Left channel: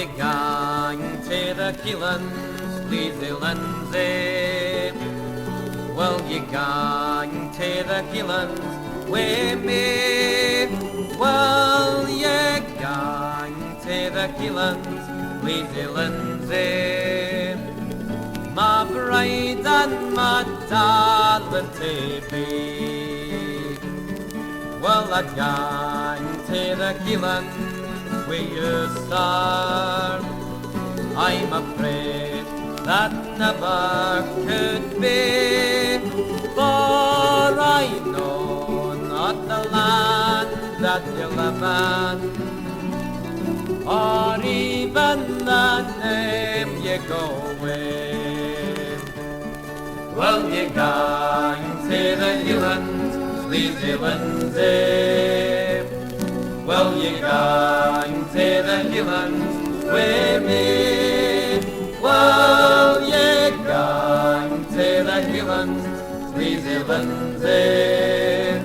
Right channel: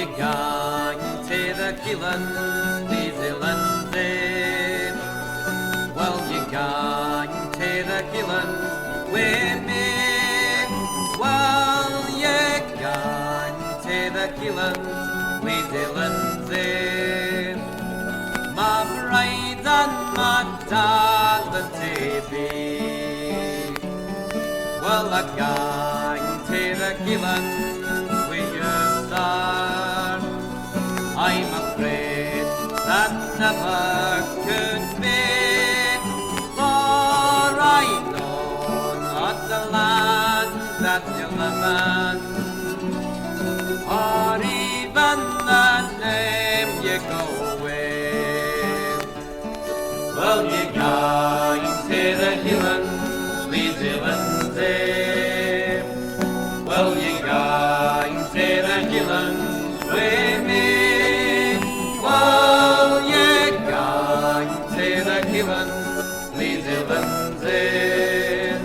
you gang to the Keelands, New Zealand there? Will you gang to the Keelands with me? Will you gang to the Keelands, New Zealand there? My bride and my darling to be. Well, I gang to the Keelands with you start. I'm afraid that never could be, for I know not the land that you live in, or even the name you go with. Well, you gang to the Keelands, New Zealand there? Well, you gang to the Keelands with me? Well, you gang to the Keelands, New Zealand there?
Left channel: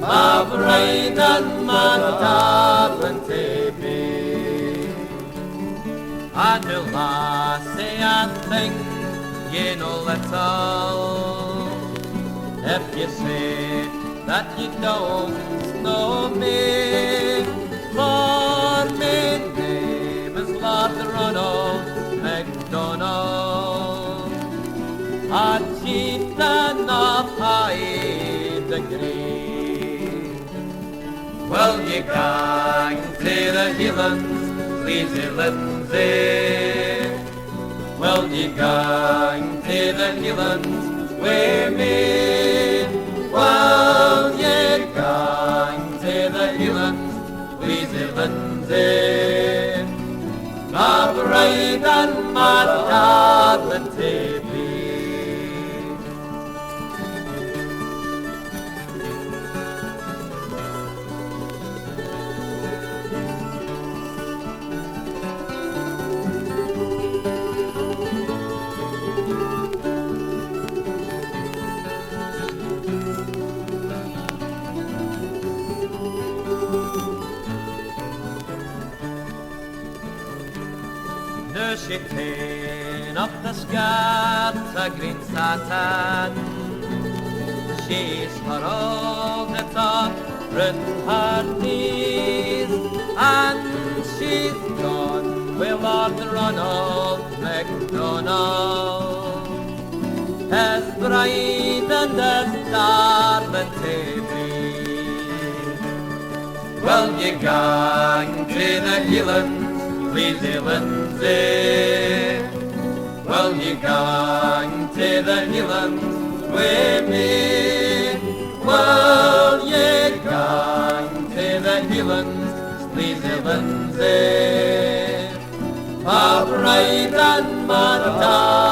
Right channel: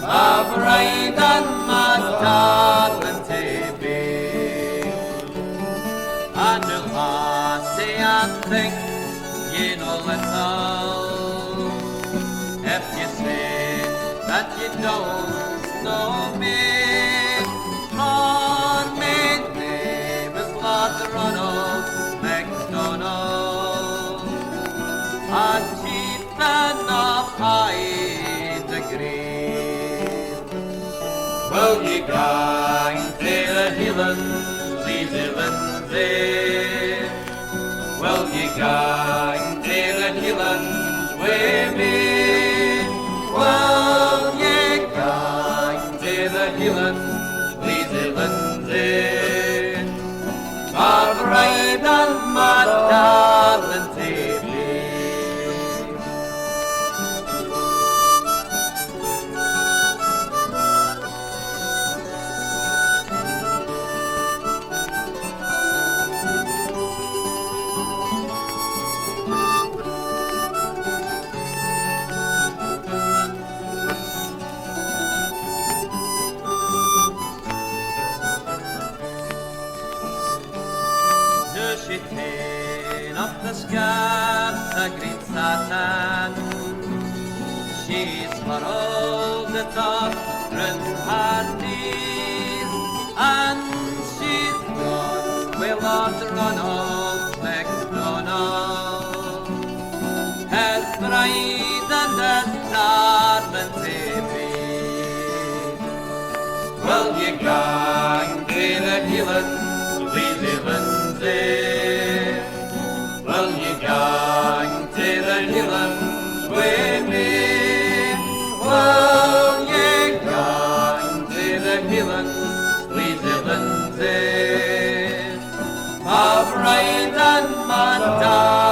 My bride and my darling to be. And the lassie, I think you know little, if you say that you don't know me, for my name is Lord Ronald MacDonald, a chieftain of high degree. Well, you gang to the Keelands, New Zealand there? Well, you gang to the Keelands with me? Well, you gang to the Keelands, New Zealand there? My bride and my darling to be. She came up the skirt, a green satin. She's furrowed the top round her knees, and she's gone with Lord Ronald MacDonald, his bride and his darling to be. Well, you gang to the Keelands, New Zealand there? Well, you gang to the Keelands with me? Well, you gang to the Keelands, New Zealand there? My bride and my darling